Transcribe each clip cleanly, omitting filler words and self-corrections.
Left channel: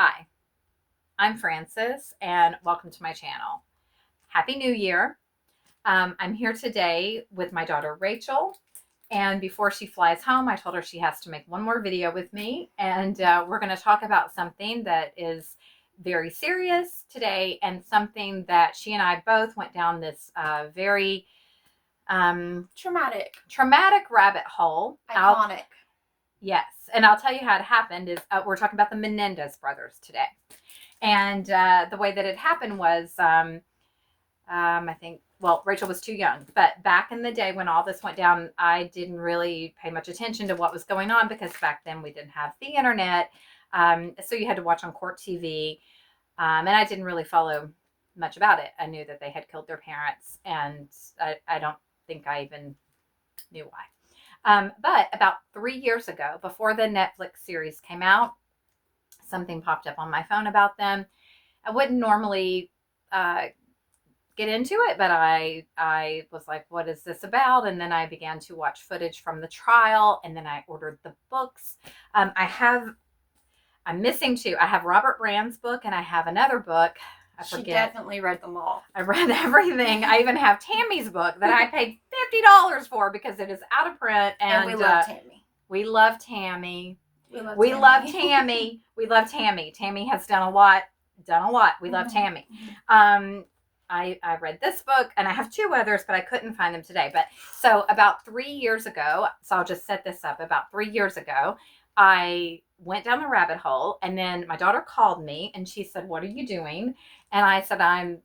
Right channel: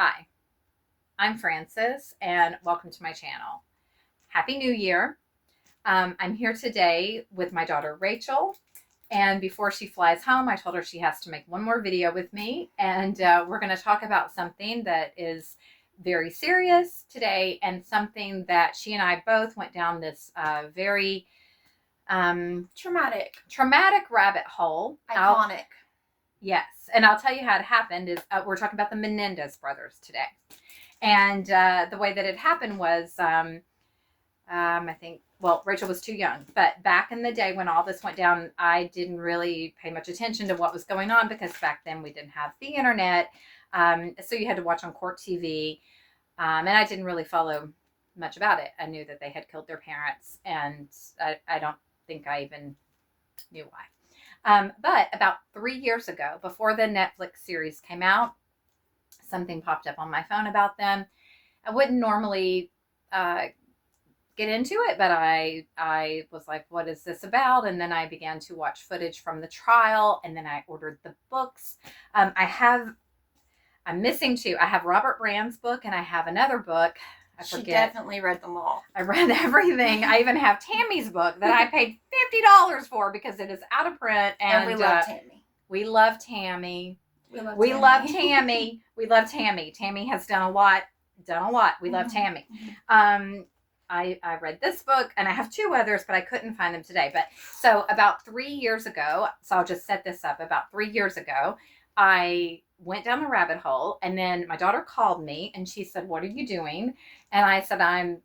Hi, I'm Frances and welcome to my channel. Happy New Year. I'm here today with my daughter Rachel, and before she flies home I told her she has to make one more video with me, and we're going to talk about something that is very serious today and something that she and I both went down this very traumatic rabbit hole. Iconic. Yes, and I'll tell you how it happened is we're talking about the Menendez brothers today. And the way that it happened was, I think, well, Rachel was too young. But back in the day when all this went down, I didn't really pay much attention to what was going on because back then we didn't have the internet. So you had to watch on court TV. And I didn't really follow much about it. I knew that they had killed their parents. And I don't think I even knew why. But about 3 years ago, before the Netflix series came out, something popped up on my phone about them. I wouldn't normally get into it, but I was like, what is this about? And then I began to watch footage from the trial, and then I ordered the books. I'm missing two. I have Robert Brand's book, and I have another book. I forget. She definitely read them all. I read everything. I even have Tammy's book that I paid $50 for because it is out of print. And we love Tammy. We love Tammy. We love Tammy. We love Tammy. Tammy has done a lot. We love Tammy. I read this book, and I have two others, but I couldn't find them today. But so about 3 years ago, so I'll just set this up. About 3 years ago, I went down the rabbit hole, and then my daughter called me, and she said, "What are you doing?" And I said, "I'm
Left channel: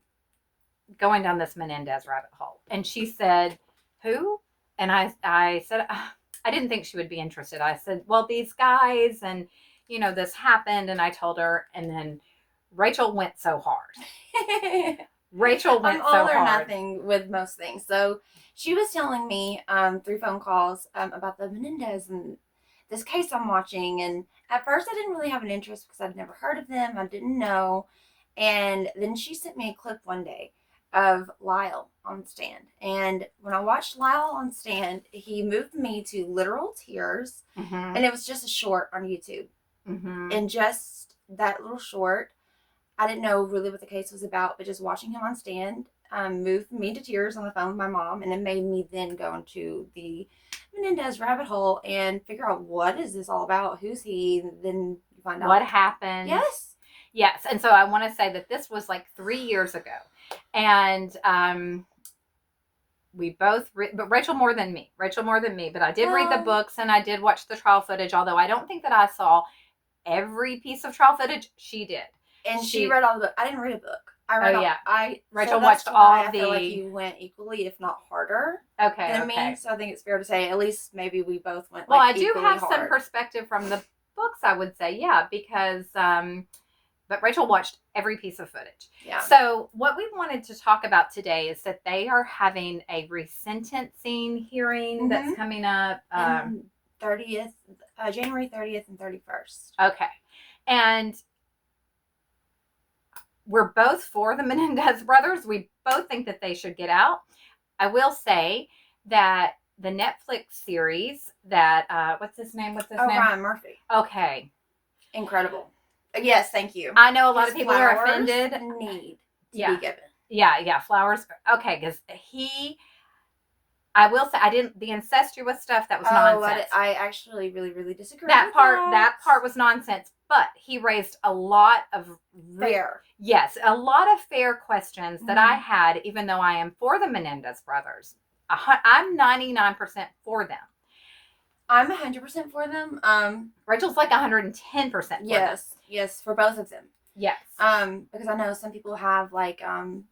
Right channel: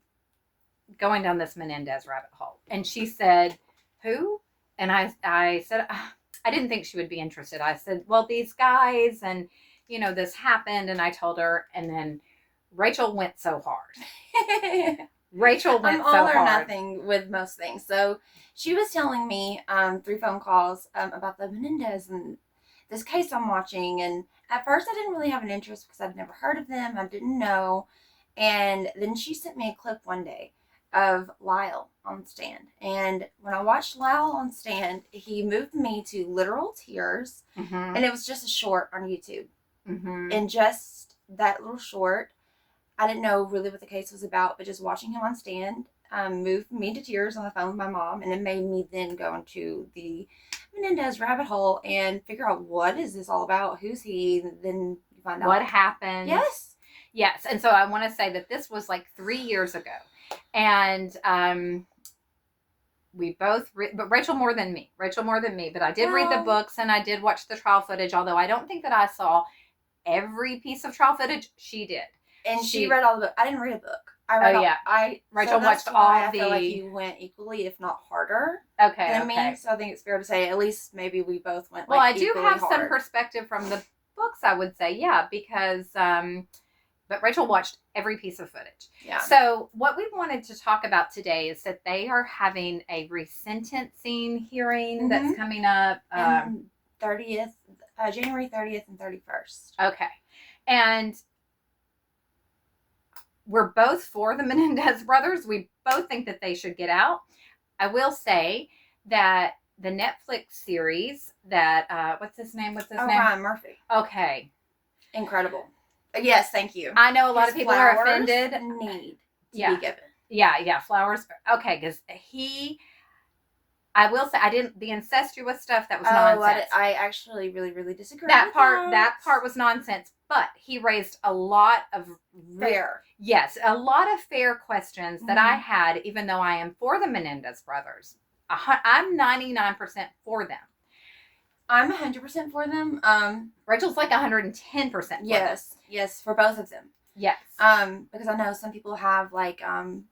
going down this Menendez rabbit hole." And she said, "Who?" And I said, I didn't think she would be interested. I said, well, these guys, and, this happened. And I told her, and then Rachel went so hard. Rachel went so hard. I'm all or nothing with most things. So she was telling me through phone calls about the Menendez and this case I'm watching. And at first I didn't really have an interest because I'd never heard of them. I didn't know. And then she sent me a clip one day of Lyle on stand. And when I watched Lyle on stand, he moved me to literal tears. And it was just a short on YouTube. And just that little short, I didn't know really what the case was about, but just watching him on stand moved me to tears on the phone with my mom. And it made me then go into the Menendez rabbit hole and figure out, what is this all about? Who's he? And then you find out what happened. Yes. And so I want to say that this was like 3 years ago. And we both, but Rachel more than me, but I did read the books and I did watch the trial footage, although I don't think that I saw every piece of trial footage. She did. And she read all the book. I didn't read a book. Rachel watched all I feel like you went equally, if not harder, than me. So I think it's fair to say, at least maybe we both went well, like I do have hard. some perspective from the books, I would say, yeah, because but Rachel watched every piece of footage. Yeah. So what we wanted to talk about today is that they are having a resentencing hearing that's coming up. 30th, January 30th and 31st. Okay. And we're both for the Menendez brothers. We both think that they should get out. I will say that the Netflix series that, what's his name? Ryan Murphy. Okay. Incredible. Yes, thank you. I know a lot of people are offended. Need to be given. Yeah, flowers. Okay, because I will say, the incestuous stuff, that was nonsense. I actually really, really disagree that with part. That part was nonsense, but he raised a lot of a lot of fair questions that I had, even though I am for the Menendez brothers. I'm 99% for them. I'm 100% for them. Rachel's like 110% for them. Yes, for both of them. Yes. Because I know some people have like some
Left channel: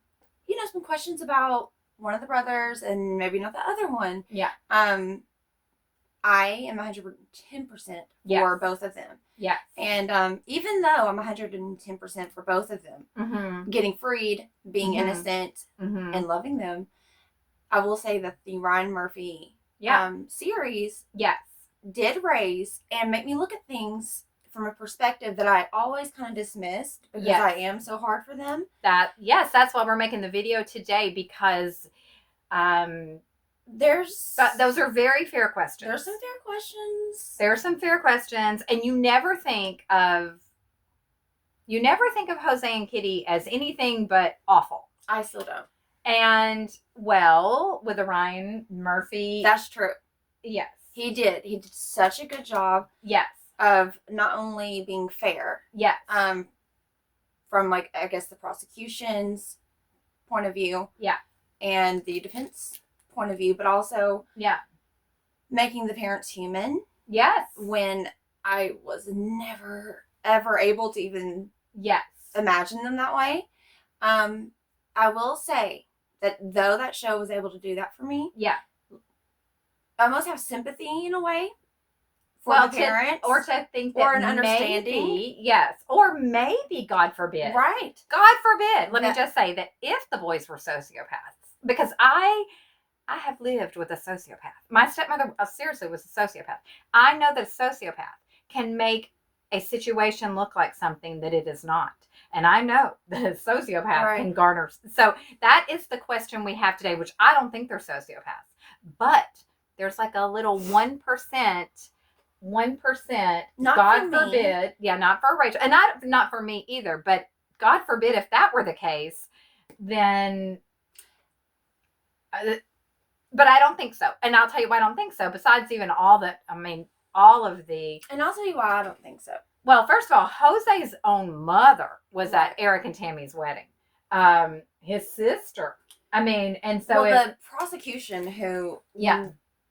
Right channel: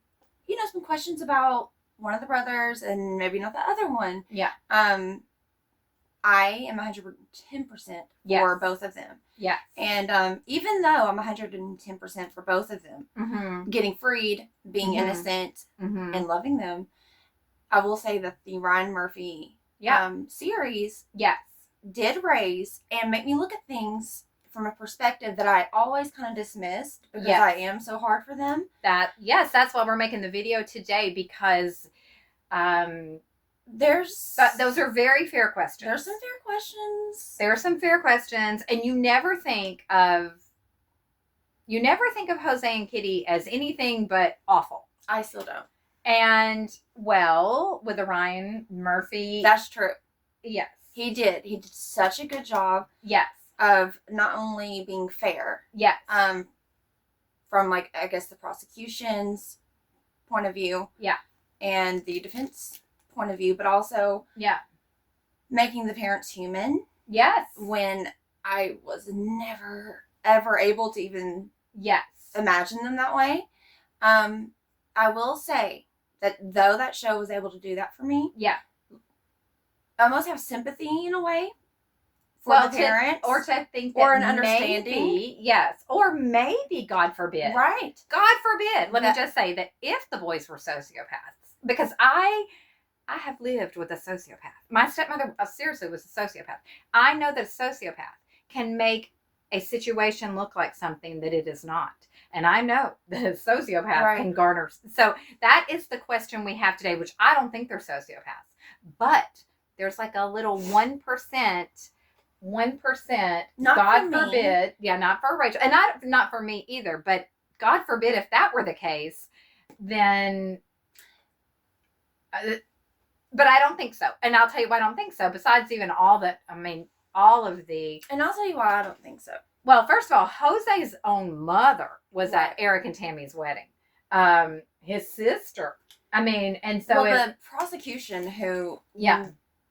questions about one of the brothers and maybe not the other one. Yeah. I am 110% for both of them. Yes. And even though I'm 110% for both of them, getting freed, being innocent, and loving them, I will say that the Ryan Murphy series did raise and make me look at things from a perspective that I always kind of dismissed because I am so hard for them. That's why we're making the video today, because those are very fair questions. There's some fair questions. There are some fair questions, and you never think of You never think of Jose and Kitty as anything but awful. I still don't. And, well, with the Ryan Murphy. That's true. Yes. He did such a good job. Yes. Of not only being fair. Yes. From, like, I guess the prosecution's point of view. Yeah. And the defense point of view, but also. Yeah. Making the parents human. Yes. When I was never, ever able to even. Yes. Imagine them that way. I will say that though that show was able to do that for me. Yeah. I almost have sympathy in a way. For the parents. Or to think that or an understanding. Maybe, yes. Or maybe, God forbid. Right. God forbid. Let me just say that if the boys were sociopaths, because I have lived with a sociopath. My stepmother seriously was a sociopath. I know that a sociopath can make a situation look like something that it is not. And I know that a sociopath can garner. So that is the question we have today, which I don't think they're sociopaths. But there's like a little 1%, not God for forbid. Me. Yeah, not for Rachel. And not for me either. But God forbid if that were the case, then... but I don't think so. And I'll tell you why I don't think so. Besides even all of the... And I'll tell you why I don't think so. Well, first of all, Jose's own mother was at Erik and Tammy's wedding. His sister. I mean, and so... Well, the prosecution who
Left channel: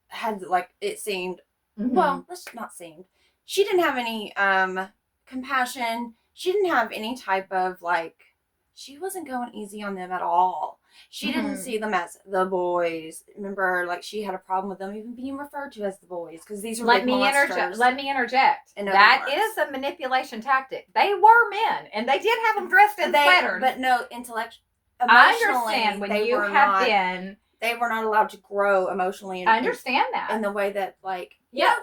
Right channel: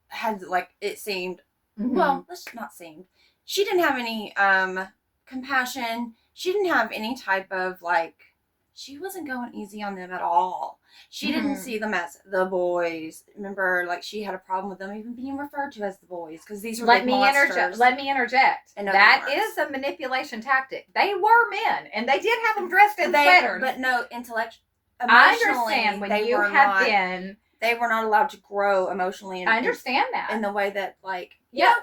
had, like, it seemed... Mm-hmm. Well, let's not seem. She didn't have any compassion. She didn't have any type of, like... She wasn't going easy on them at all. She didn't see them as the boys. Remember, like, she had a problem with them even being referred to as the boys because these were big monsters. Let me interject. That is a manipulation tactic. They were men, and they did have them dressed in sweaters. But no, emotionally, I understand when you have been... They were not allowed to grow emotionally. I understand that. In the way that, like,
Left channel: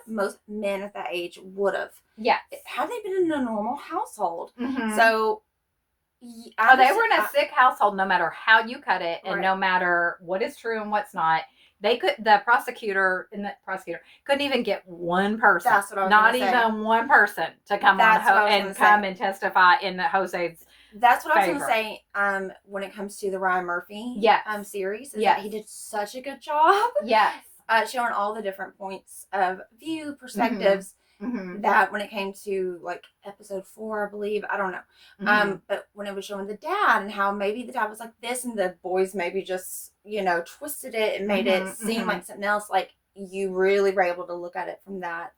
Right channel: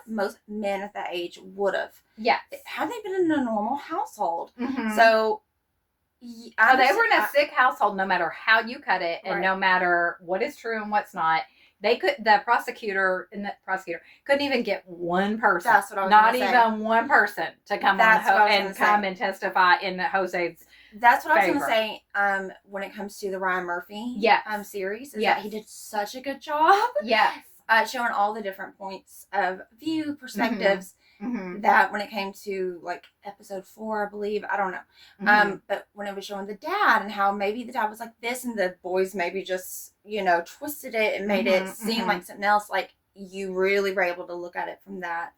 most men at that age would have. Yes. Had they been in a normal household. Mm-hmm. So... they were in a sick household no matter how you cut it and no matter what is true and what's not. The prosecutor couldn't even get one person. That's what I was Not even say. One person to come and testify in Jose's That's what I was going to say when it comes to the Ryan Murphy series. Is that he did such a good job. Yes. Showing all the different points of view, perspectives. Mm-hmm. That when it came to like episode 4, I believe, I don't know. Mm-hmm. But when it was showing the dad and how maybe the dad was like this and the boys maybe just, twisted it and made it seem like something else, like you really were able to look at it from that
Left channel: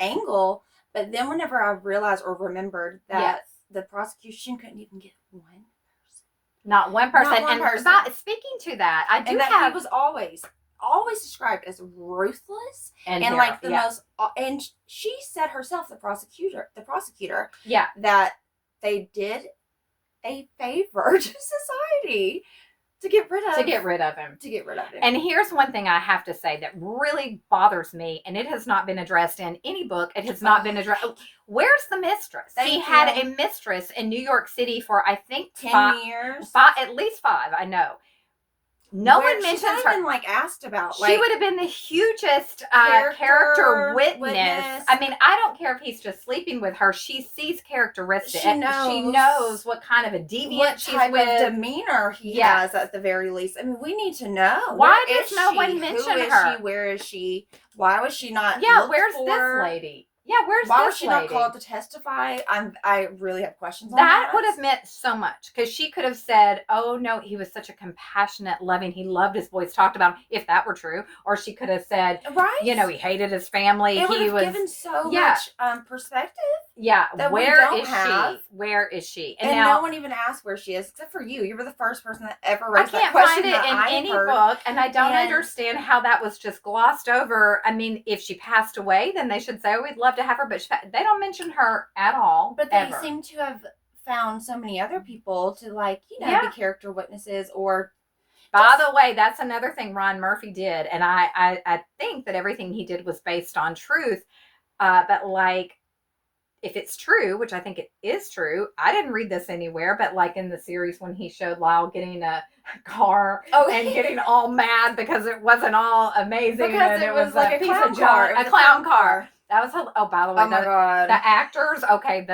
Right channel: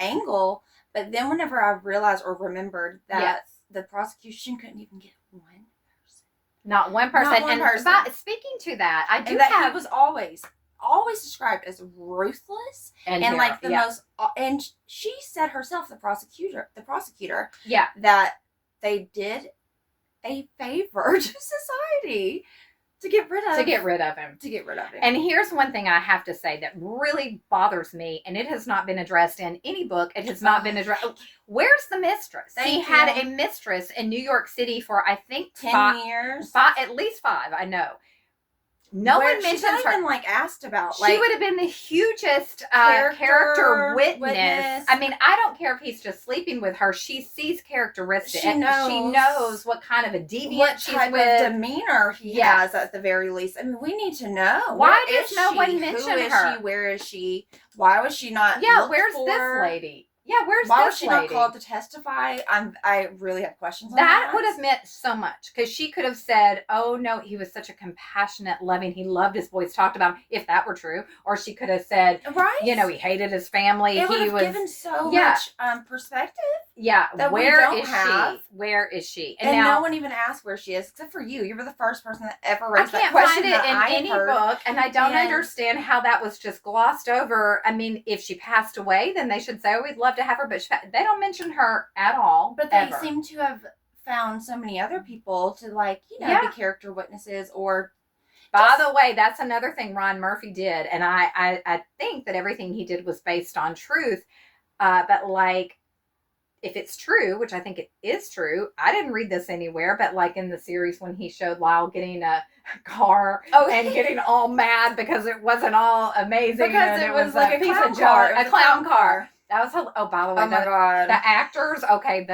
angle. But then whenever I realized or remembered that the prosecution couldn't even get one person. Not one person. Not one person. Speaking to that, I do he was always described as ruthless and like the most, and she said herself, the prosecutor, that they did a favor to society to get rid of him. And here's one thing I have to say that really bothers me, and it has not been addressed in any book. It has not been addressed. Where's the mistress? He had a mistress in New York City for, I think, 10 years. At least 5, I know. No one mentions her. She's not even asked about. She would have been the hugest character witness. I mean, I don't care if he's just sleeping with her. She sees characteristics. She knows what kind of a deviant what type of demeanor he has at the very least. I mean, we need to know. Why does no one mention her? Who is she? Where is she? Why was she not? Yeah, where's this lady? Yeah, why was she not called to testify? I really have questions on that. That would have meant so much because she could have said, "Oh no, he was such a compassionate, loving. He loved his boys." Talked about him, if that were true, or she could have said, "He hated his family." It would have given so much perspective. Yeah, that where is she? Where is she? And now, no one even asked where she is, except for you. You were the first person that ever raised that question. I can't find it in any book, and I don't understand how that was just glossed over. I mean, if she passed away, then they should say, "Oh, we'd love to have her," but they don't mention her at all. But they seem to have found so many other people to be character witnesses or. By the way, that's another thing Ron Murphy did, and I think that everything he did was based on truth, but if it's true, which I think it is true, I didn't read this anywhere, but like in the series when he showed Lyle getting a car and getting all mad because it wasn't all amazing. Because it was like a clown car. That was oh, by the way, Oh my God. the actors. Okay,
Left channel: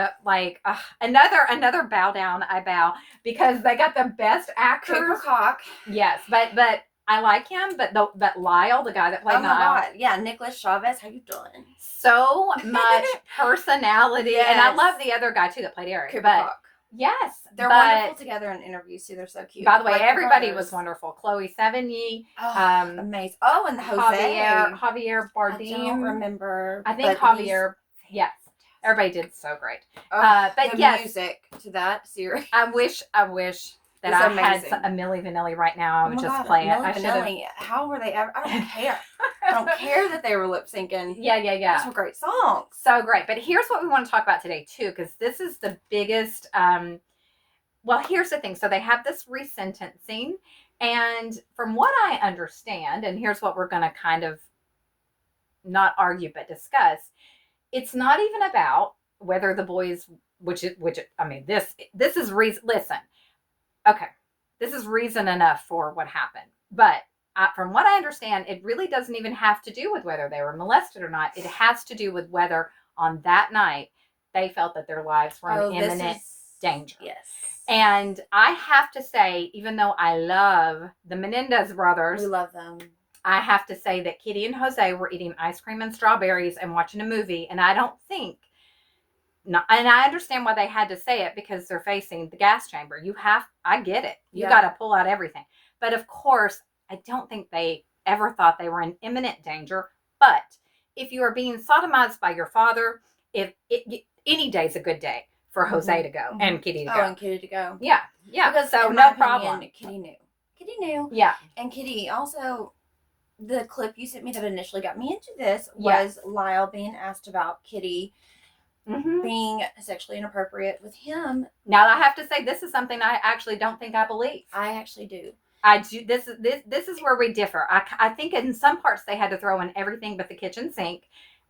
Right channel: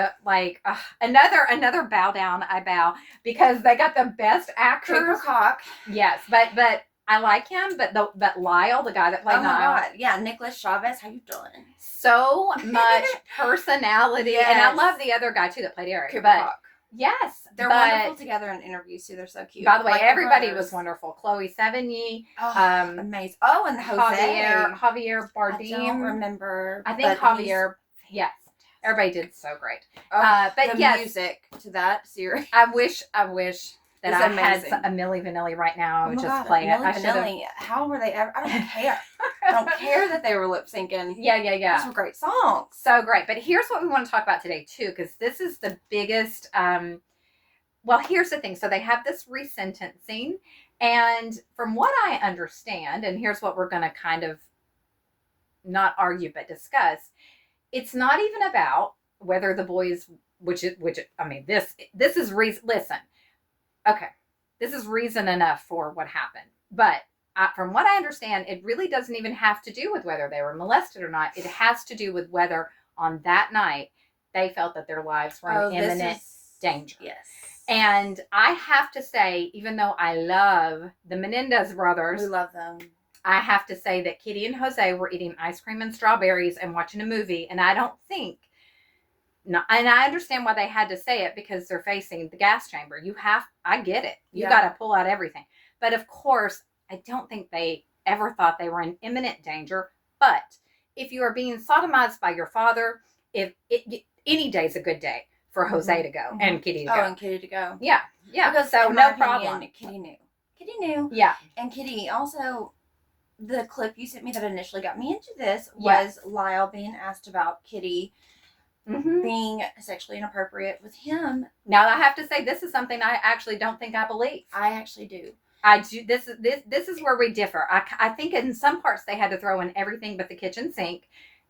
another bow down. I bow because they got the best actors. Cooper Cock. Yes, but I like him. But Lyle, the guy that played Oh my Lyle, God. Yeah, Nicholas Chavez. How you doing? so much personality, Yes. and I love the other guy too that played Eric. Cooper but Cock. yes, They're wonderful together in interviews too. They're so cute. By the way, Like everybody was wonderful. Chloe Sevigny, amazing. Oh, and Jose. Javier Bardem. I don't remember. I think Javier. Yes, everybody did so great. But the yes, music to that series. I wish that It's I amazing. had a Milli Vanilli right now. I would just God, play it. Milli Vanilli. How were they ever? I don't care. I don't care that they were lip syncing. Yeah. Those were great songs. So great. But here's what we want to talk about today too, because this is the biggest. Well, here's the thing. So they have this resentencing, and from what I understand, and here's what we're going to kind of not argue but discuss. It's not even about whether the boys, I mean, this is reason. Listen, okay, this is reason enough for what happened. But from what I understand, it really doesn't even have to do with whether they were molested or not. It has to do with whether on that night they felt that their lives were in imminent danger. Yes. And I have to say, even though I love the Menendez brothers, we love them. I have to say that Kitty and Jose were eating ice cream and strawberries and watching a movie, and I don't think. No, and I understand why they had to say it because they're facing the gas chamber. I get it. You got to pull out everything. But of course, I don't think they ever thought they were in imminent danger. But if you are being sodomized by your father, any day's a good day for Jose to go and Kitty to go. And Kitty to go. Yeah. Because so no problem. Kitty knew. Yeah. And Kitty also, the clip you sent me that initially got me into this was Lyle being asked about Kitty being sexually inappropriate with him. Now I have to say this is something I actually don't think I believe. I actually do. I do. This is where we differ. I think in some parts they had to throw in everything but the kitchen sink.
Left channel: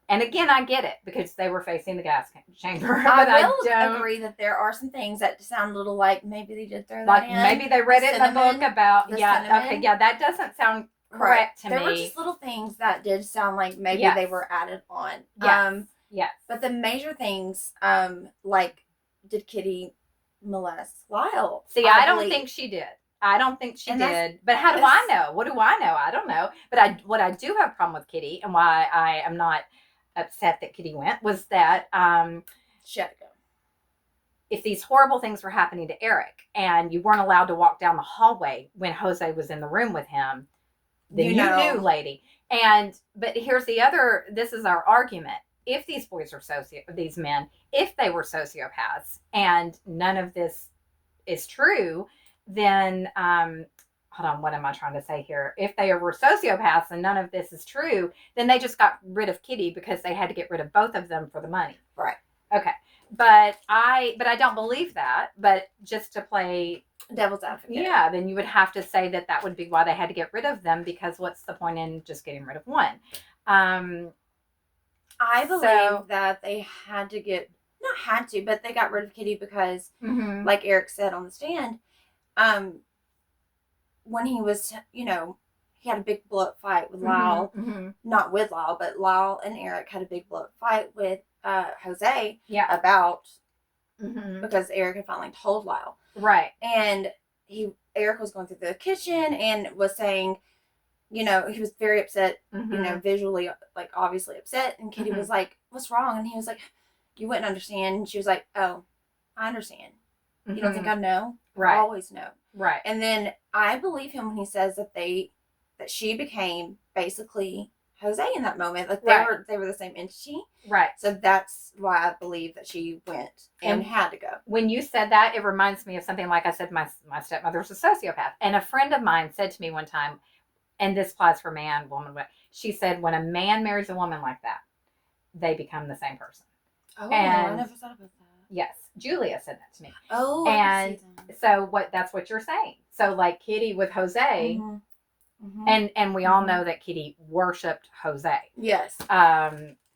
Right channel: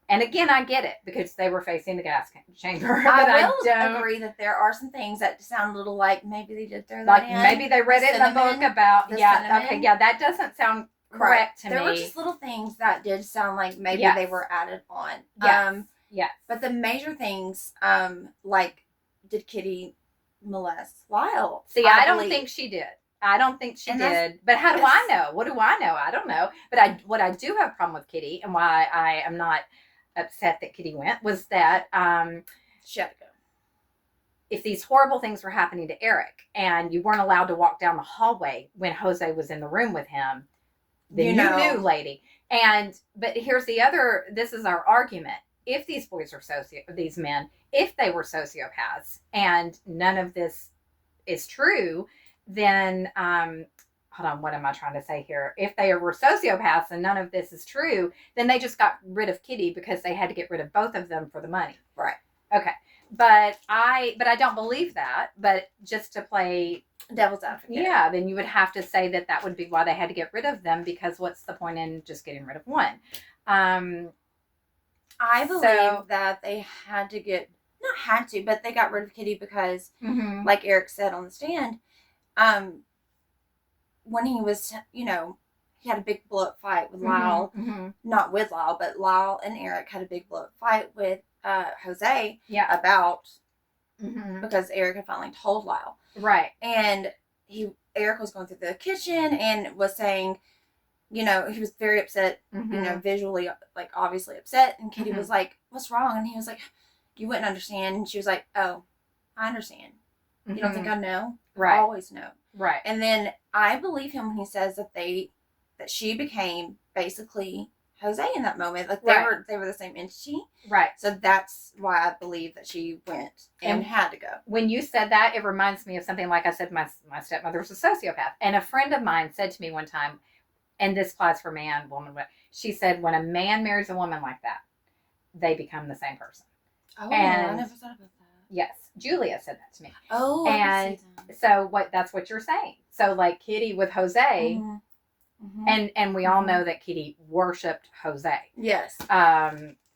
And again, I get it because they were facing the gas chamber. I will agree that there are some things that sound a little like maybe they did throw that in. Maybe they read it in the book about cinnamon. Okay, that doesn't sound correct to me. There were just little things that did sound like maybe they were added on. Yes. But the major things, like did Kitty molest Lyle? See, I don't think she did. I don't think she did. But how do I know? What do I know? I don't know. But what I do have a problem with Kitty and why I am not upset that Kitty went was that she had to go. If these horrible things were happening to Erik and you weren't allowed to walk down the hallway when Jose was in the room with him, then you knew, lady. But here's this is our argument. If these boys are these men, if they were sociopaths and none of this is true, then hold on, what am I trying to say here? If they were sociopaths and none of this is true, then they just got rid of Kitty because they had to get rid of both of them for the money. Right. Okay. But I don't believe that. But just to play devil's advocate. Yeah, then you would have to say that would be why they had to get rid of them, because what's the point in just getting rid of one? I believe that they had to not had to, but they got rid of Kitty because, like Erik said on the stand, when he was, he had a big blow-up fight with Lyle, not with Lyle, but Lyle and Erik had a big blow-up fight with Jose about, because Erik had finally told Lyle. Right. And Erik was going through the kitchen and was saying, he was very upset, visually, like, obviously upset. And Kitty was like, what's wrong? And he was like, you wouldn't understand. And she was like, oh, I understand. You don't think I know? Right. I always know. Right. And then I believe him when he says that she became basically Jose in that moment. Like they were the same entity. Right. So that's why I believe that she went and had to go. When you said that, it reminds me of something like I said, my stepmother was a sociopath. And a friend of mine said to me one time, and this applies for man, woman, she said, when a man marries a woman like that, they become the same person. Oh, I never thought about that. Yes. Julia said that to me. Oh, and so that's what you're saying. So like Kitty with Jose, and we all know that Kitty worshipped Jose. Yes.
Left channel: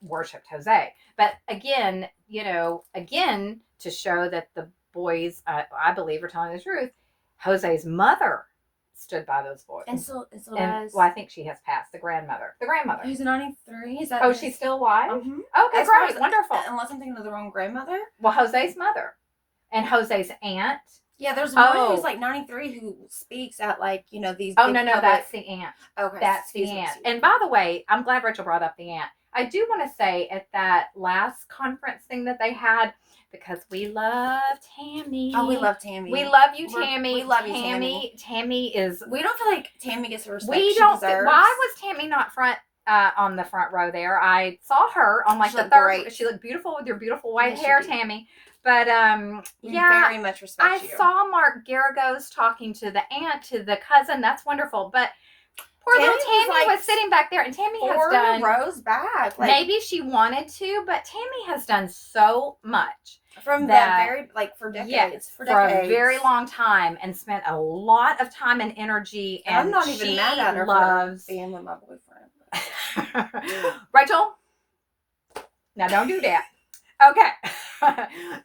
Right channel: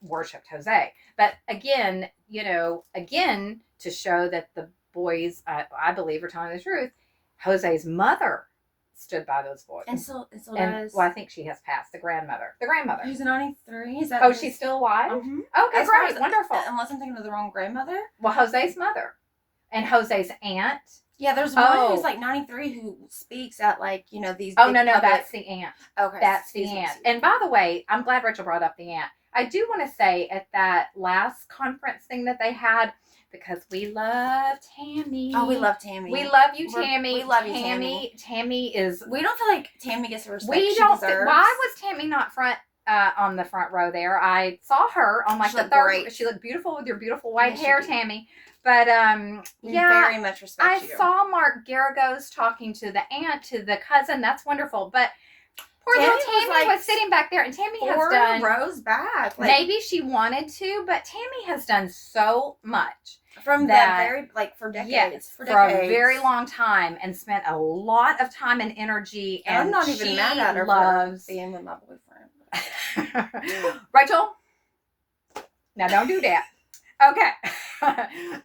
Worshipped Jose. But again, to show that the boys, I believe, are telling the truth, Jose's mother stood by those boys. And still And, does. well, I think she has passed. The grandmother. Who's 93? Is that? Oh, she's still alive? Mm-hmm. Okay, great. Wonderful. Unless I'm thinking of the wrong grandmother. Well, Jose's mother. And Jose's aunt. Yeah, there's one who's like 93 who speaks at like, these. Oh, no, that's the aunt. Okay. That's the aunt. And by the way, I'm glad Rachel brought up the aunt. I do want to say at that last conference thing that they had, because we love Tammy. Oh, we love Tammy. We love you, Tammy. We love you, Tammy. Tammy is. We don't feel like Tammy gets the respect she deserves. Why was Tammy not on the front row there? I saw her on like the third. Great. She looked beautiful with your beautiful white hair, Tammy. But we very much respect you. I saw Mark Garagos talking to the aunt, to the cousin. That's wonderful, but. Poor little Tammy was sitting back there, and Tammy has done 4 rows back. Like, maybe she wanted to, but Tammy has done so much from for decades. Yes, for a very long time, and spent a lot of time and energy. And I'm not even mad at her for being with my boyfriend. Rachel, now don't do that. Okay.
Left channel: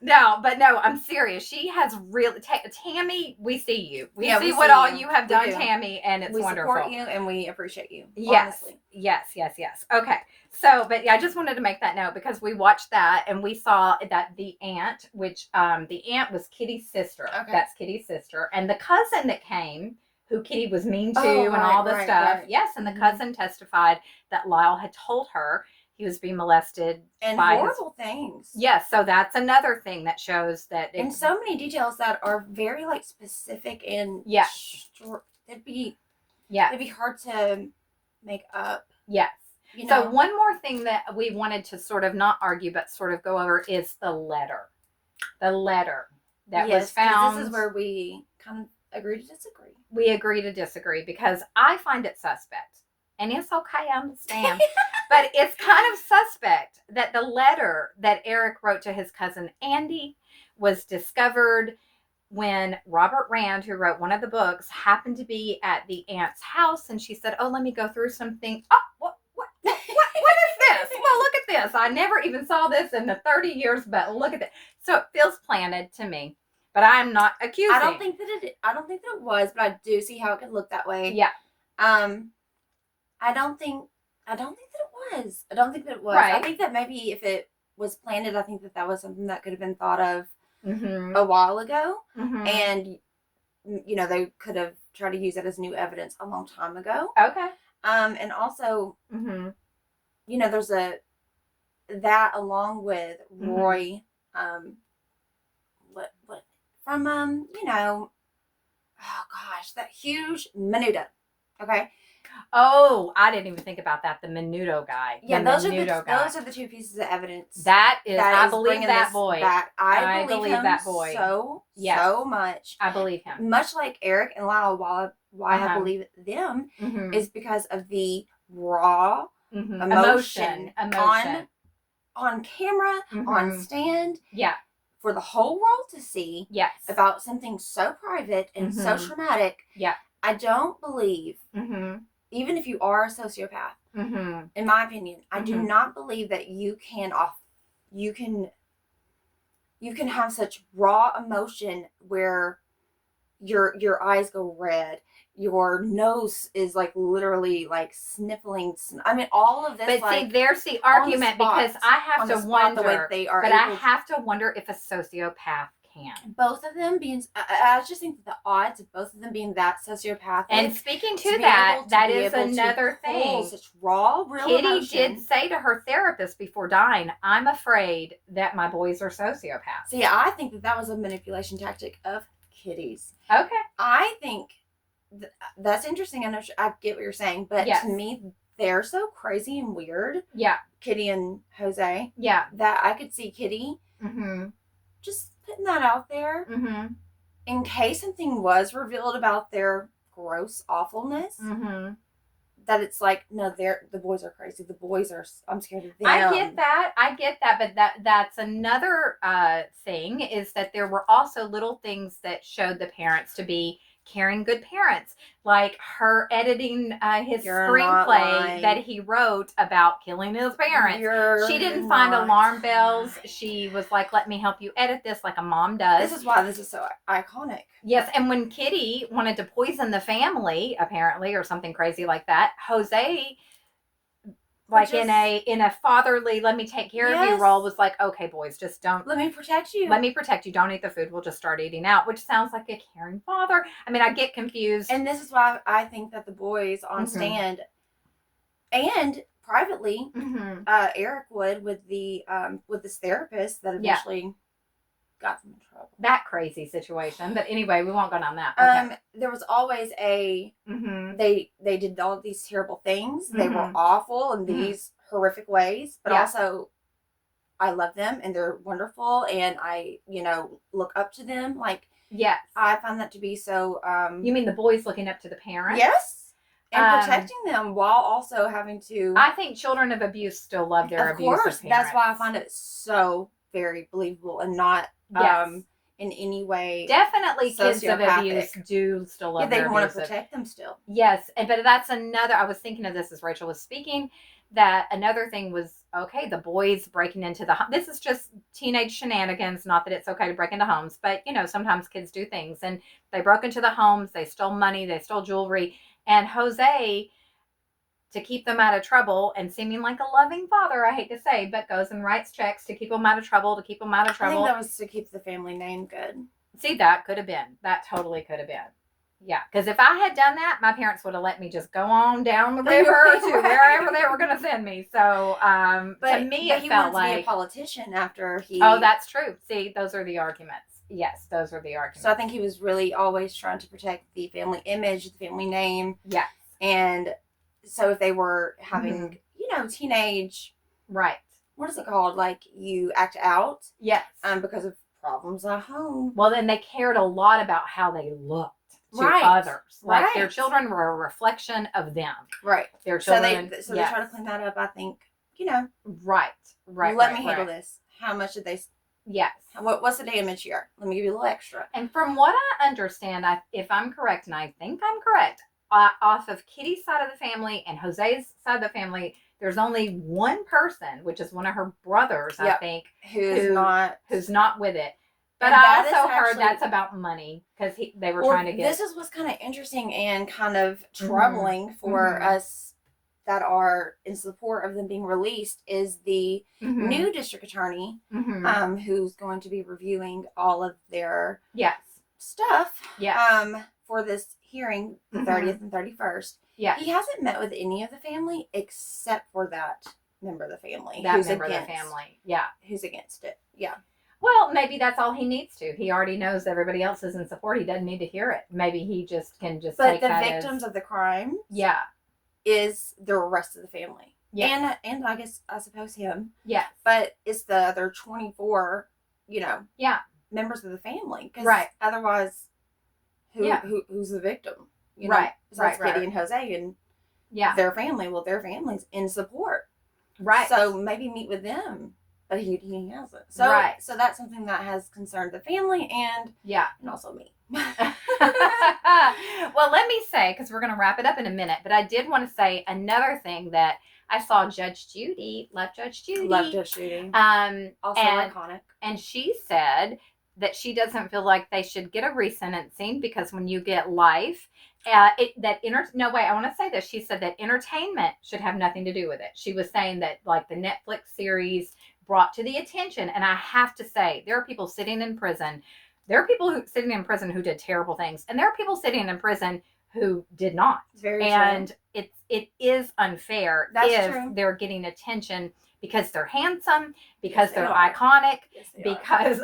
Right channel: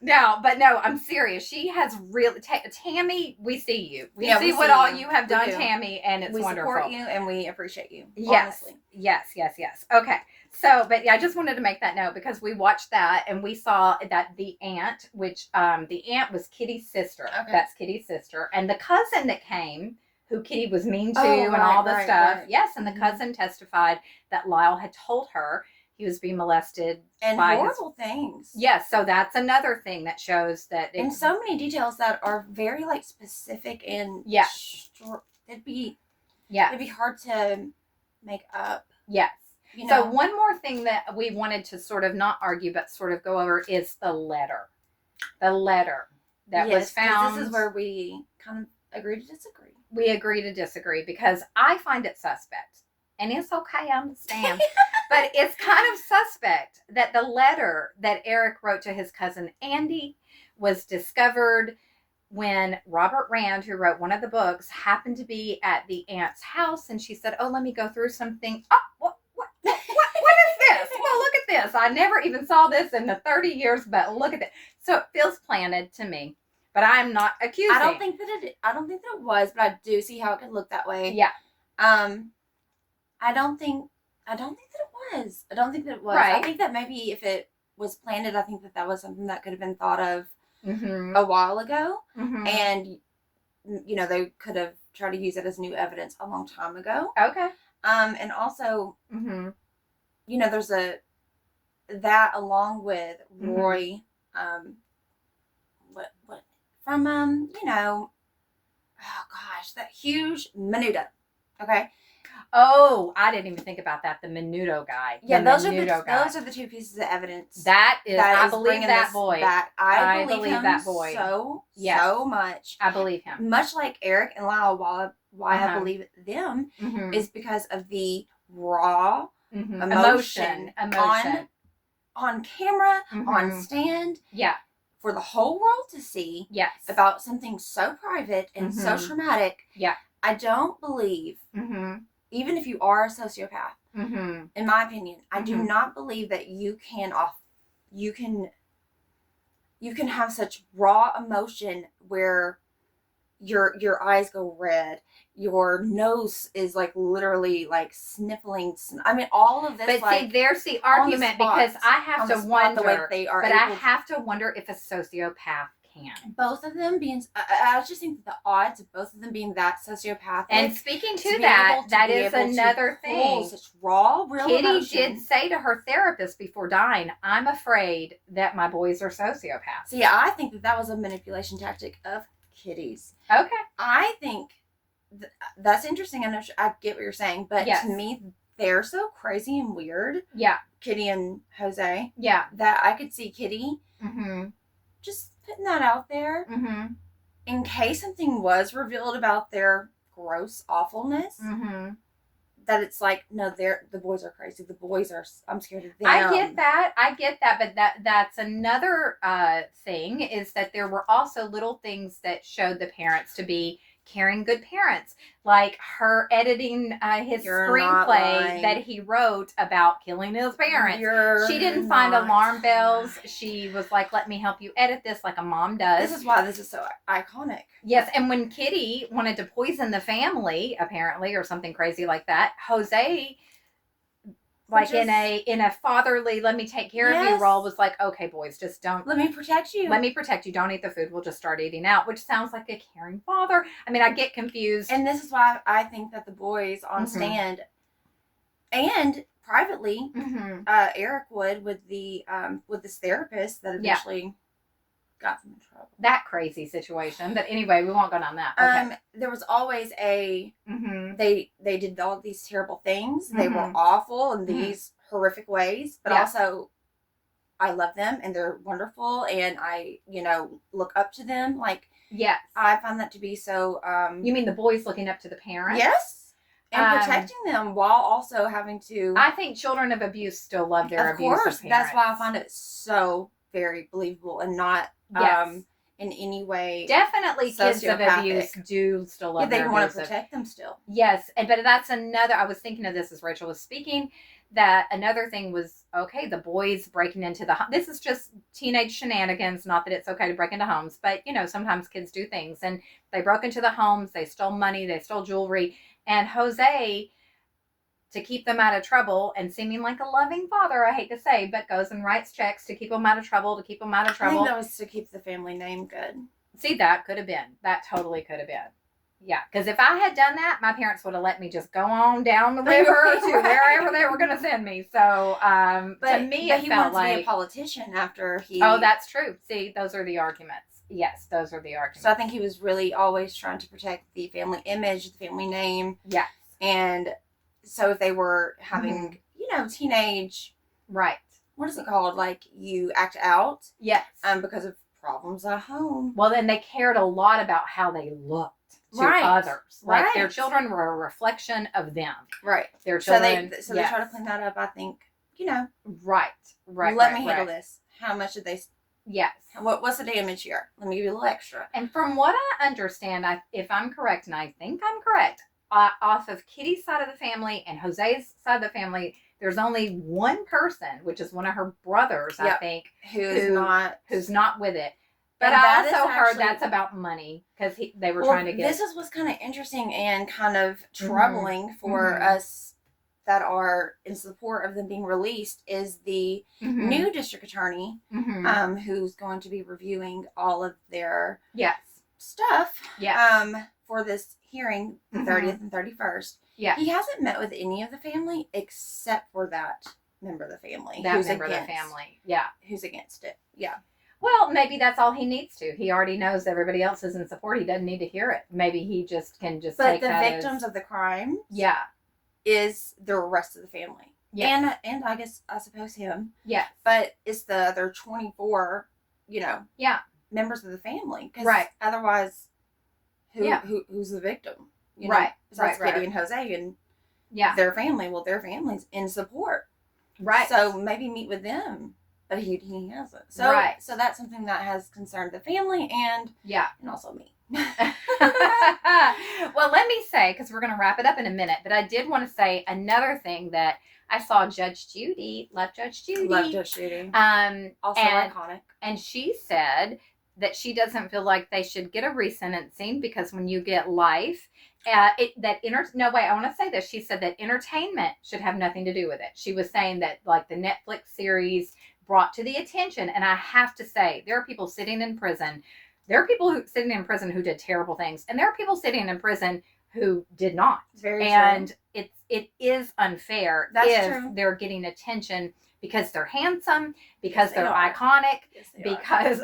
No, I'm serious. She has really, Tammy, we see you. We see what all you have done, Tammy, and it's wonderful. We support you and we appreciate you. Yes. Honestly. Yes. Okay. So, but yeah, I just wanted to make that note because we watched that and we saw that the aunt, which the aunt was Kitty's sister. Okay. That's Kitty's sister. And the cousin that came, who Kitty was mean to and all the stuff. Right. Yes. And the cousin testified that Lyle had told her he was being molested and by horrible things. Yes, so that's another thing that shows that. And so many details that are very like specific and it'd be hard to make up. Yes. So one more thing that we wanted to sort of not argue but sort of go over is the letter. The letter that was found. This is where we kind of agree to disagree. We agree to disagree because I find it suspect. And it's okay, I understand. But it's kind of suspect that the letter that Erik wrote to his cousin Andy was discovered when Robert Rand, who wrote one of the books, happened to be at the aunt's house. And she said, oh, let me go through something. Oh, what is this? Well, look at this. I never even saw this in the 30 years, but look at it. So it feels planted to me. But I'm not accusing. I don't think that it was, but I do see how it could look that way. Yeah. I don't think that it was. I don't think that it was. Right. I think that maybe if it was planted, I think that was something that could have been thought of a while ago. Mm-hmm. And, they could have tried to use it as new evidence a long time ago. Okay. And also, there's that along with Roy, that huge Menudo. Okay. Oh, I didn't even think about that. The Menudo guy. Yeah, those are the 2 pieces of evidence. I believe that boy. I believe him that boy. So much. I believe him. Much like Erik and Lyle, why I believe them is because of the raw emotion on camera, on stand. Yeah. For the whole world to see. Yes. About something so private and so traumatic. Yeah. I don't believe. Even if you are a sociopath, in my opinion, I do not believe that you can have such raw emotion where your eyes go red, your nose is like literally like sniffling. I mean, all of this. But see, there's the argument because I have to wonder. The way they are, I have to wonder if a sociopath can. Both of them being, I just think that the odds of both of them being that sociopathic. And speaking to that, that is another thing. Such raw, real Kitty emotion. did say to her therapist before dying, I'm afraid that my boys are sociopaths. See, I think that was a manipulation tactic of Kitty's. Okay. I think that's interesting. I get what you're saying, but to me, they're so crazy and weird. Yeah. Kitty and Jose. Yeah. That I could see Kitty just putting that out there in case something was revealed about their gross awfulness. That it's like, no, the boys are crazy. The boys are, I'm scared of them. I get that, but that's another thing is that there were also little things that showed the parents to be caring good parents, like her editing his You're not screenplay lying. that he wrote about killing his parents. You're She didn't find not alarm bells. lying. She was like, let me help you edit this like a mom does. This is why this is so iconic. Yes, and when Kitty wanted to poison the family, apparently, or something crazy like that, Jose, like in a fatherly, let me take care of you Yes. role, was like, okay, boys, just don't. Let me protect you. Let me protect you. Don't eat the food. We'll just start eating out, which sounds like a caring father. I mean, I get confused. And this is why I think that the boys on stand and privately, Erik would with this therapist that eventually got them in trouble. That crazy situation. But anyway, we won't go down that. Okay. There was always they did all these terrible things. They were awful in these horrific ways, but also I love them and they're wonderful and I, look up to them. Like, yes. I find that to be so you mean the boys looking up to the parents? Yes. And protecting them while also having to I think children of abuse still love their abusive parents. That's why I find it so very believable and not in any way definitely kids of abuse do still love they their want abusive. to protect them still. Yes, but that's another, I was thinking of this as Rachel was speaking, that another thing was, okay, the boys breaking into the this is just teenage shenanigans, not that it's okay to break into homes, but sometimes kids do things, and they broke into the homes, they stole money, they stole jewelry, and Jose, to keep them out of trouble and seeming like a loving father, I hate to say, but goes and writes checks to keep them out of trouble, I think that was to keep the family name good. See, that could have been. That totally could have been. Yeah, because if I had done that, my parents would have let me just go on down the river to wherever they were going to send me. So, but to me, but it he felt wanted to like be a politician after he. Oh, that's true. See, those are the arguments. Yes, those are the arguments. So I think he was really always trying to protect the family image, the family name. Yes. And so if they were having, teenage, right? What is it called? Like you act out. Yes. Because of problems at home. Well, then they cared a lot about how they looked to others. Like their children were a reflection of them. Right. Their children. So they try to clean that up. I think, Right. Let me handle this. How much did they? Yes. What's the damage here? Let me give you a little extra. And from what I understand, if I'm correct, and I think I'm correct, off of Kitty's side of the family and Jose's side of the family, there's only one person, which is one of her brothers, I think, who's not with it. But I also heard that's about money because they were trying to get. This is what's kind of interesting and kind of troubling for us that are in support of them being released is the new district attorney, who's going to be reviewing all of their stuff. For this hearing, the 30th and 31st. Yeah. He hasn't met with any of the family except for that member of the family. Who's against it. Yeah. Well, maybe that's all he needs to. He already knows everybody else is in support. He doesn't need to hear it. Maybe he just can just take that. But the victims of the crime is the rest of the family. Yeah. And I suppose him. Yes. But it's the other 24, members of the family. Right. Otherwise, who's the victim? Besides Kitty and Jose and their family. Well, their family's in support. Right. So maybe meet with them. But he hasn't. So that's something that has concerned the family and also me. Well, let me say, because we're going to wrap it up in a minute, but I did want to say another thing that I saw Judge Judy. Love Judge Judy. Also iconic. And she said that she doesn't feel like they should get a resentencing because when you get life, I want to say this. She said that entertainment should have nothing to do with it. She was saying that like the Netflix series brought to the attention, and I have to say, there are people sitting in prison. There are people sitting in prison who did terrible things, and there are people sitting in prison who did not. Very and true. It is unfair if they're getting attention because they're handsome, because they're iconic, because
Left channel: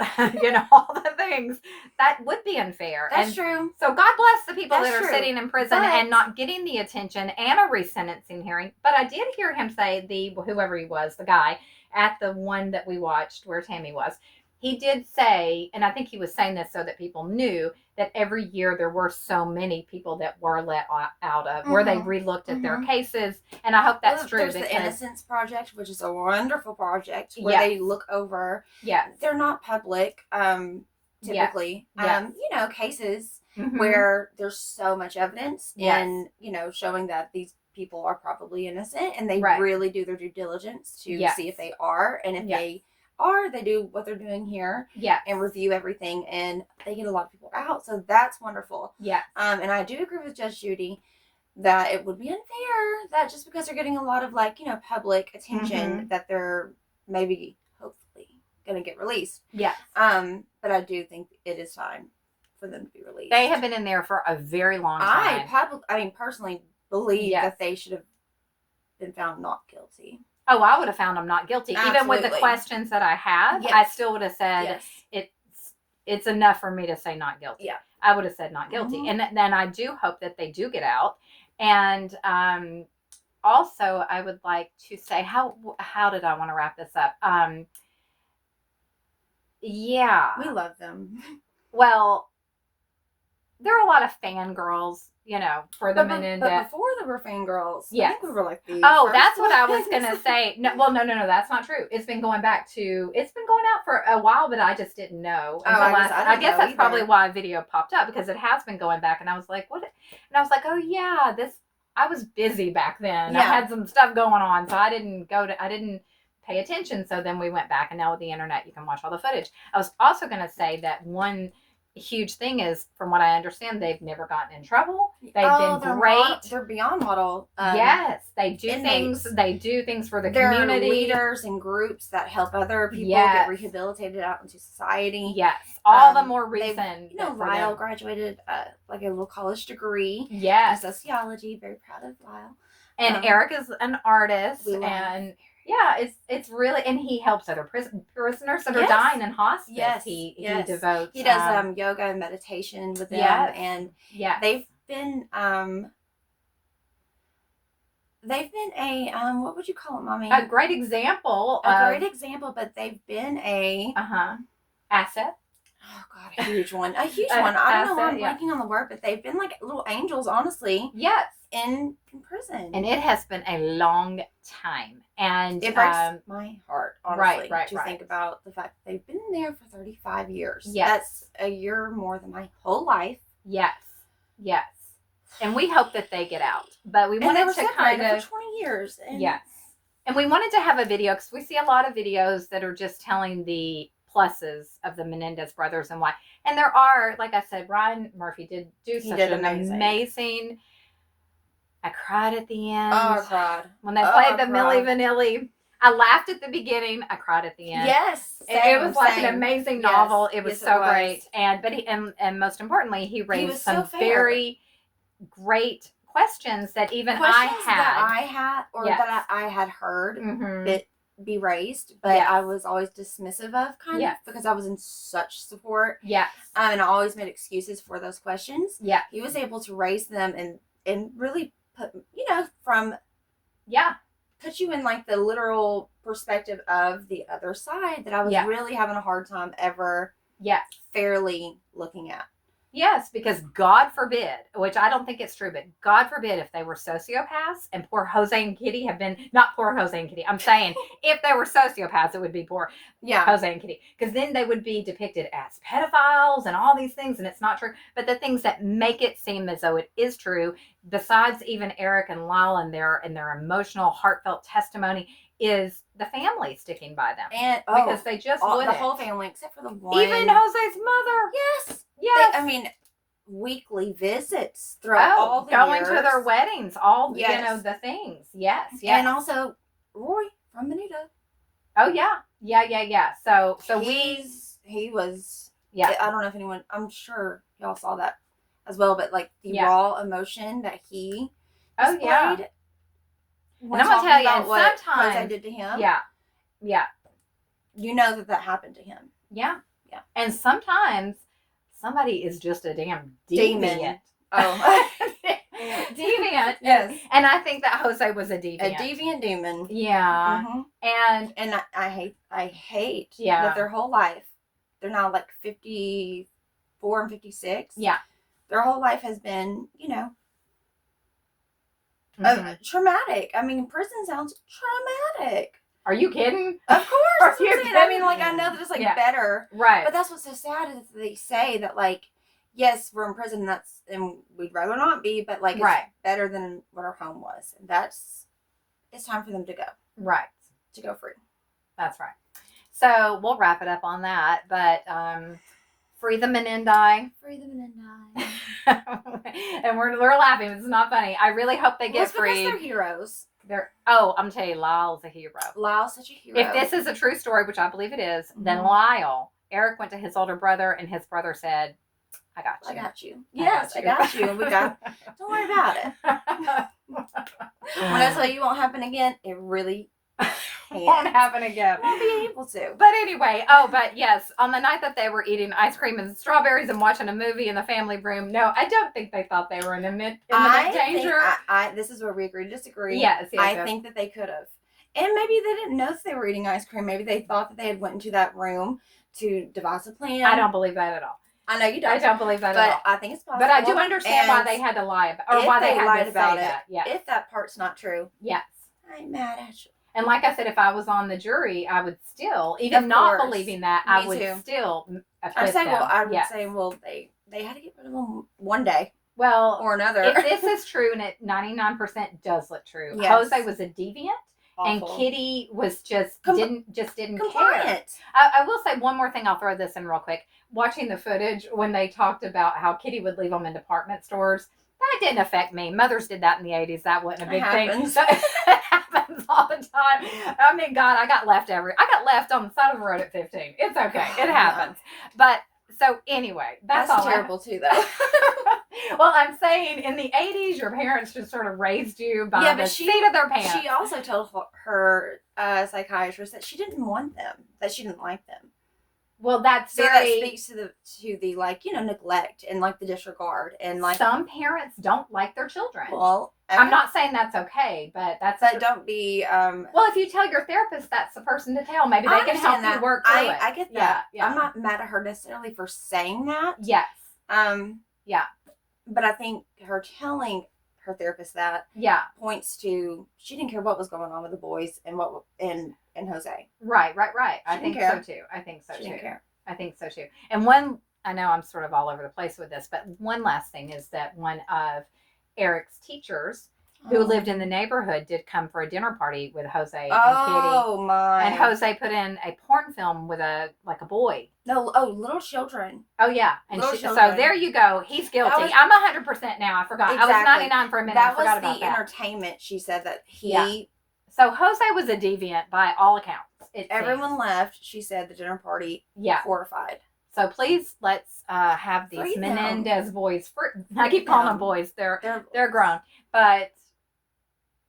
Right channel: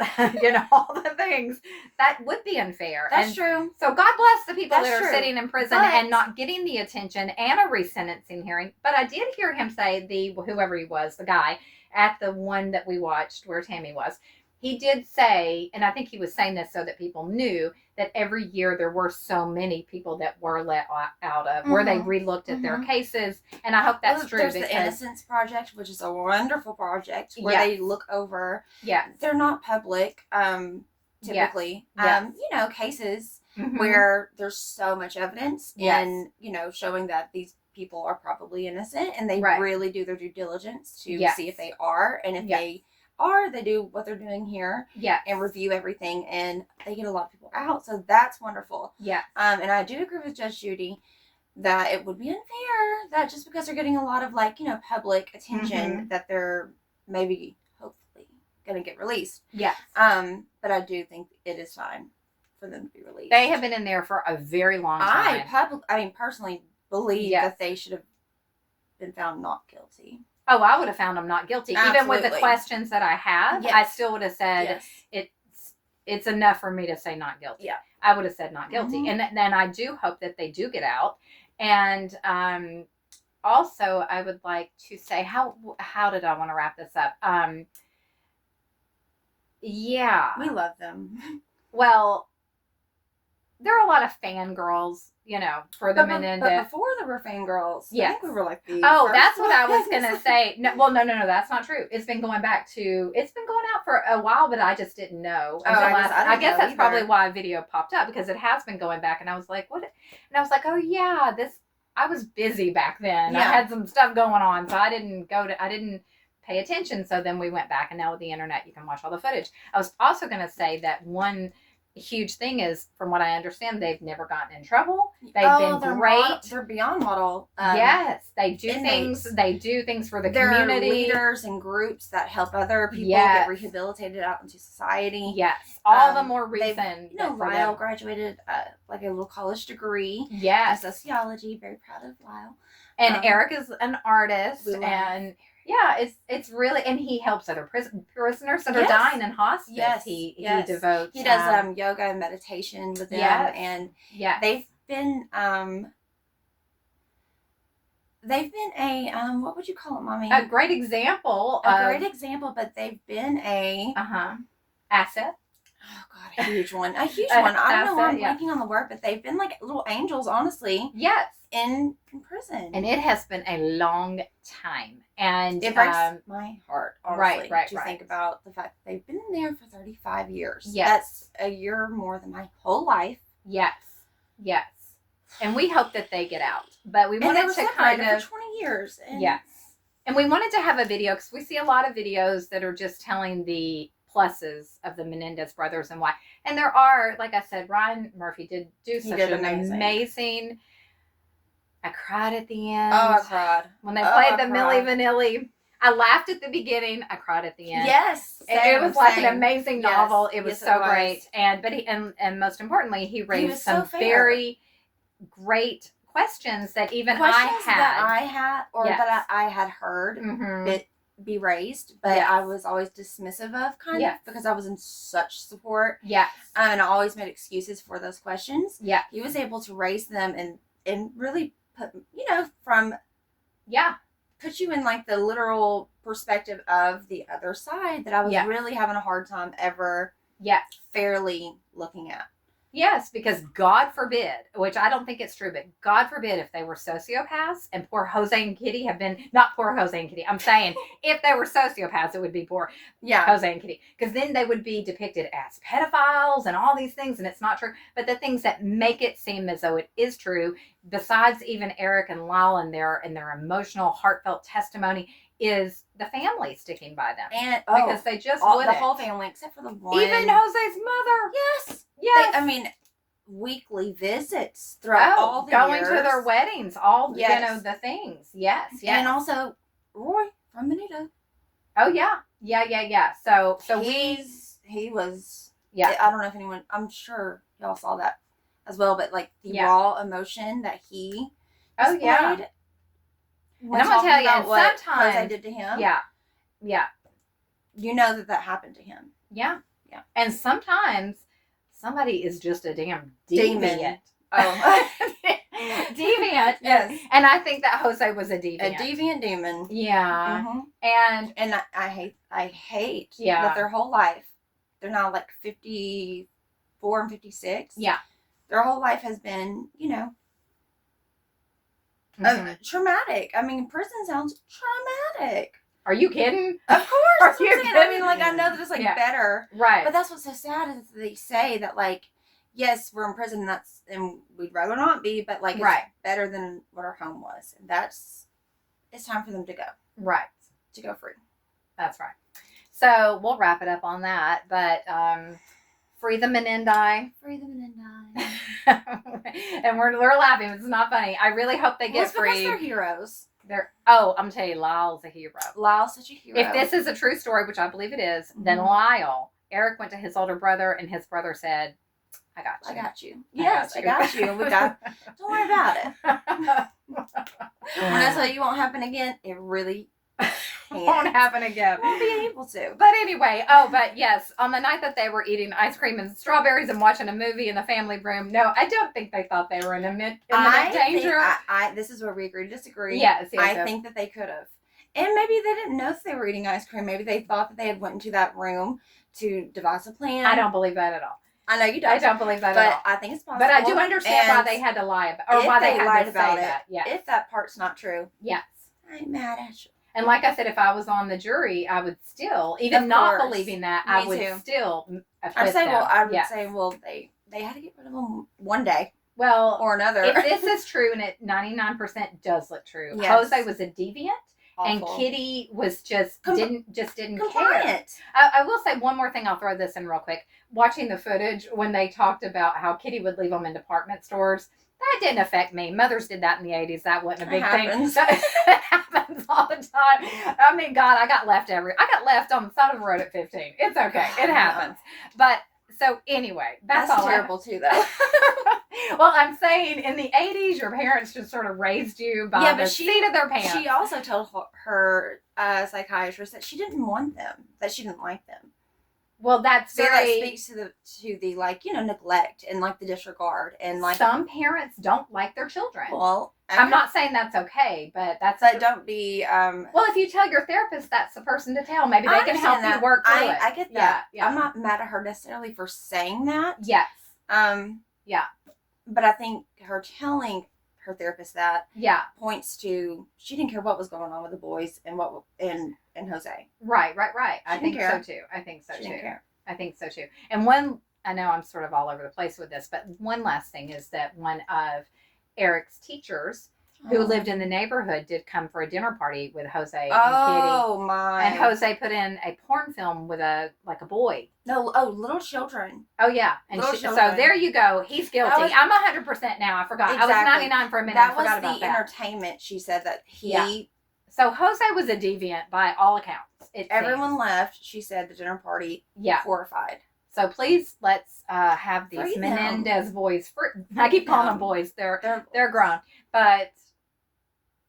all the things that would be unfair. That's true. So God bless the people that are sitting in prison and not getting the attention and a resentencing hearing. But I did hear him say whoever he was, the guy at the one that we watched where Tammy was, he did say, and I think he was saying this so that people knew that every year there were so many people that were let out of where they relooked at their cases, and I hope that's true. There's the Innocence Project, which is a wonderful project where they look over. Yeah, they're not public typically. Cases. where there's so much evidence Yes. and, showing that these people are probably innocent, and they Right. really do their due diligence to Yes. see if they are. And if Yes. they are, they do what they're doing here Yes. and review everything, and they get a lot of people out. So that's wonderful. Yes. And I do agree with Judge Judy that it would be unfair that just because they're getting a lot of public attention that they're maybe hopefully going to get released. Yes. But I do think it is time for them to be released. They have been in there for a very long time. I personally believe Yes. that they should have been found not guilty. Oh, I would have found them not guilty. Absolutely. Even with the questions that I have, Yes. I still would have said Yes. it's enough for me to say not guilty. Yeah. I would have said not guilty. Mhm. And then I do hope that they do get out. And also, I would like to say, how did I want to wrap this up? Yeah. We love them. Well, there are a lot of fangirls, for the Menendez. But before there were fangirls, I Yes. think we were like the Oh, first that's what I was ones. going to say. No, well, no, that's not true. It's been going out for a while, but I just didn't know. Oh, I guess know that's either. probably why a video popped up, because it has been going back, and I was like, what? And I was like, oh yeah, I was busy back then. Yeah. I had some stuff going on, so I didn't pay attention. So then we went back, and now with the internet, you can watch all the footage. I was also going to say that one huge thing is, from what I understand, they've never gotten in trouble. They've been great. They're beyond model. Yes, they do inmates. things. They do things for the They're community. leaders and groups that help other people Yes. get rehabilitated out into society. Yes, all the more they've- reason. Lyle graduated like a little college degree in Yes, sociology. Very proud of Lyle. and Erik is an artist, we love and yeah, it's really, and he helps other prisoners that are Yes. dying in hospice. Yes, He yes. devotes. He does yoga and meditation with them, Yes. and Yeah, they've been a what would you call it, Mommy? a great example. A great example, but they've been a asset. oh god, a huge one. I don't know why I'm asset, yeah. blanking on the word, but they've been like little angels, honestly, Yes, in prison. and it has been a long time, and it breaks my heart, honestly, right, to right. think about the fact that they've been there for 35 years. Yes. That's a year more than my whole life. Yes. And we hope that they get out, but we And they wanted were to kind separated of for 20 years. And yes, and we wanted to have a video, because we see a lot of videos that are just telling the pluses of the Menendez brothers and why. And there are, like I said, Ryan Murphy did such did an amazing. I cried at the end. Oh, I cried. When they Oh, played I the cried. Milli Vanilli. I laughed at the beginning. I cried at the end. Yes. It was like same. an amazing Yes, novel. It was yes, it so was. great. And most importantly, he raised was so some fair. very great questions that even Questions I had. that I had, or Yes. that I had heard Mhm. it be raised, but Yes. I was always dismissive of, kind Yes. of, because I was in such support. Yes. And I always made excuses for those questions. Yeah. He was able to raise them and really put, from Yeah. put you in like the literal perspective of the other side that I was Yeah. really having a hard time ever Yes. fairly looking at. Yes, because God forbid, which I don't think it's true, but God forbid if they were sociopaths, and poor Jose and Kitty have been, not poor Jose and Kitty, I'm saying if they were sociopaths, it would be poor Yeah. Jose and Kitty, because then they would be depicted as pedophiles and all these things, and it's not true. But the things that make it seem as though it is true, besides even Erik and Lyle and their emotional, heartfelt testimony, is the family sticking by them. And because they just the wouldn't. whole family except for the one. Even Jose's mother. Yes. Yes. I mean, weekly visits throughout all the going years. to their weddings, all Yes. the things. Yes. And also Roy from Benito. Oh yeah. So he was. yeah. I don't know if anyone. I'm sure y'all saw that as well, but like the Yeah. raw emotion that he Oh, yeah. displayed. And I'm gonna tell you, about and what sometimes- Jose did to him. Yeah. You know that happened to him. Yeah. Yeah. And sometimes somebody is just a damn Demon. deviant. Oh. Deviant. Yes. And I think that Jose was a deviant. A deviant demon. Yeah. Mhm. And I hate Yeah. that their whole life, they're now like 54 and 56. yeah. Their whole life has been, Mhm. traumatic. I mean, prison sounds traumatic. Are you kidding? Of course. Are That's what you I'm saying. I mean, kidding? like, I know that it's like Yeah. better. Right. But that's what's so sad is that they say that, like, yes, we're in prison, and we'd rather not be, but like it's Right. better than what our home was. And it's time for them to go. Right. To go free. That's right. So we'll wrap it up on that. But free the Menendez. Free the Menendez. And we're laughing. It's not funny. I really hope they get free. Because they're heroes. I'm telling you, Lyle's a hero. Lyle's such a hero. If this is a true story, which I believe it is, then Lyle, Erik went to his older brother, and his brother said, I got you. I got you. Yes, I got you. And we got, don't worry about it. When I tell you it won't happen again, it really won't happen again. Won't be able to. But anyway, but yes, on the night that they were eating ice cream and strawberries and watching a movie in the family room, no, I don't think they thought they were in imminent danger. This is where we agree to disagree. Yes, I think that they could have. And maybe they didn't know that they were eating ice cream. Maybe they thought that they had went into that room to devise a plan. I don't believe that at all. I know you don't. I don't believe that at all. But I think it's possible. But I do understand why they had to lie about it. Or why they lied about it. Yes. If that part's not true. Yes. I'm mad at you. And like I said, if I was on the jury, I would still, even not believing that, I would still acquit them. I would say, they had to get rid of them one day. Well, or another. If this is true, and it 99% does look true, yes. Jose was a deviant. Awful. And Kitty was didn't compliant. Care. I will say one more thing. I'll throw this in real quick. Watching the footage when they talked about how Kitty would leave them in department stores, that didn't affect me. Mothers did that in the 80s. That wasn't a big thing. It happens all the time. I mean, God, I got left on the side of the road at 15. It's okay. It happens. But so anyway, that's all terrible too, though. Well, I'm saying in the 80s, your parents just sort of raised you by the seat of their pants. She also told her psychiatrist that she didn't want them, that she didn't like them. Well, that speaks to the like, neglect and like the disregard and like some parents don't like their children. Well, I'm not saying that's okay, but don't be. Well, if you tell your therapist, that's the person to tell. Maybe they can help you work through it. I get that. Yeah. I'm not mad at her necessarily for saying that. Yes. Yeah. But I think her telling her therapist that points to she didn't care what was going on with the boys and and Jose. Right. I think so too. I think so too. And I know I'm sort of all over the place with this, but one last thing is that one of Erik's teachers who lived in the neighborhood did come for a dinner party with Jose and Kitty. Oh my! And Jose put in a porn film with a boy. No, little children. Oh yeah, and so there you go. He's guilty. I'm 100% now. I forgot. Exactly. I was 99 for a minute. That was the entertainment. She said that he. Yeah. So Jose was a deviant by all accounts. Everyone left. She said the dinner party. Yeah. Horrified. So please let's have these Menendez boys. I keep calling them boys. They're grown, but.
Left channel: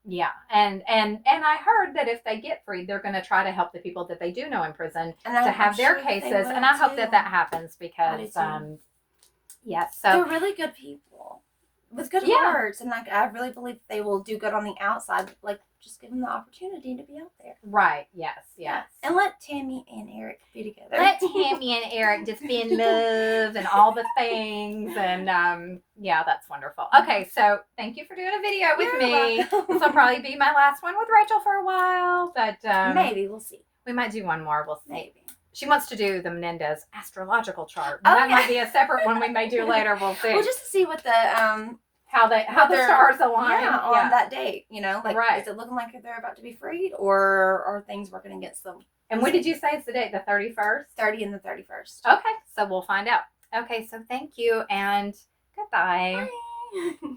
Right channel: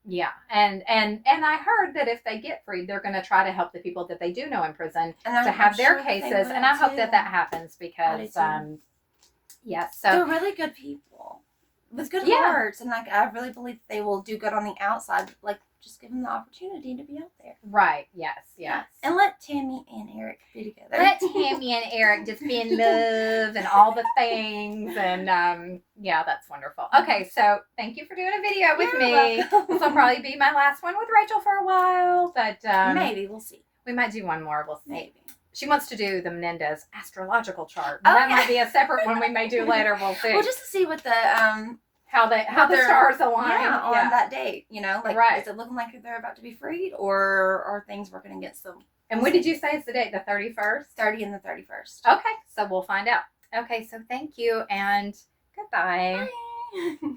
Yeah, and I heard that if they get freed, they're going to try to help the people that they do know in prison to have their cases, and I hope that happens because, so they're really good people with good hearts, and like I really believe they will do good on the outside. Like just give them the opportunity to be out there. Right? Yes. And let Tammy and Erik be together. Let Tammy and Erik just be in love and all the things, and that's wonderful. Okay, so thank you for doing a video with me. This will probably be my last one with Rachel for a while, but maybe we'll see. We might do one more. We'll see. Maybe. She wants to do the Menendez astrological chart. That might be a separate one we may do later. We'll see. Well, just to see what the how the stars align on that date, is it looking like they're about to be freed, or are things working against them? And when did you say it's the date? The 31st? 30 and the 31st. Okay, so we'll find out. Okay, so thank you and goodbye. Bye.